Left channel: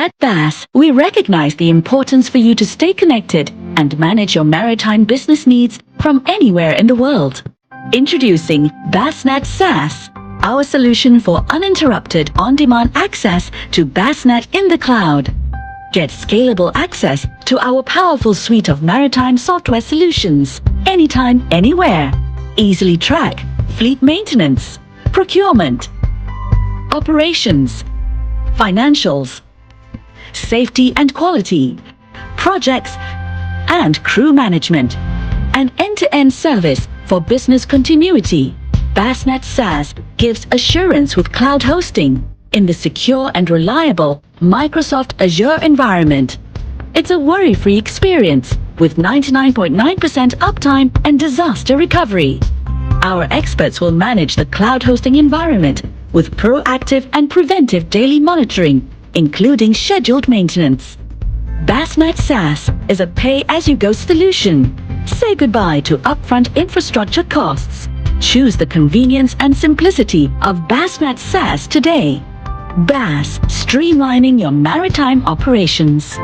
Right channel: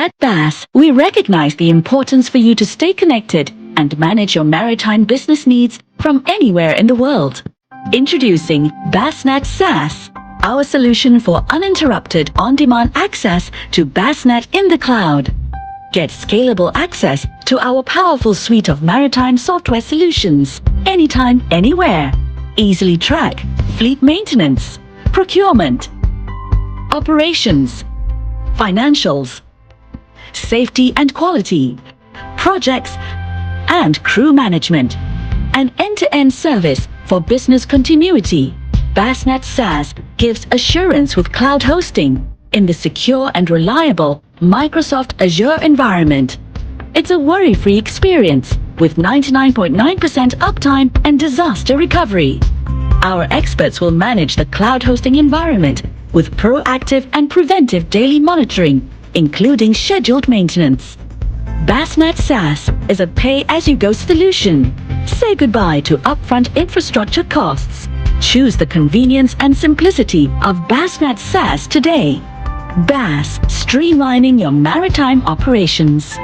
At BASS, we recognize the importance for you to stay connected and manage your maritime business needs from anywhere in the world. Introducing BASSnet SaaS, our solution for uninterrupted on-demand access to BASSnet in the cloud. Get scalable access to our powerful suite of maritime software solutions anytime, anywhere. Easily track fleet maintenance, procurement, operations, financials, safety and quality, projects, and crew management. An end-to-end service for business continuity. BASSnet SaaS gives assurance with cloud hosting in the secure and reliable Microsoft Azure environment. It's a worry-free experience with 99.9% uptime and disaster recovery. Our experts will manage the cloud hosting environment with proactive and preventive daily monitoring, including scheduled maintenance. BASSnet SaaS is a pay-as-you-go solution. Say goodbye to upfront infrastructure costs. Choose the convenience and simplicity of BASSnet SaaS today. BASS, streamlining your maritime operations.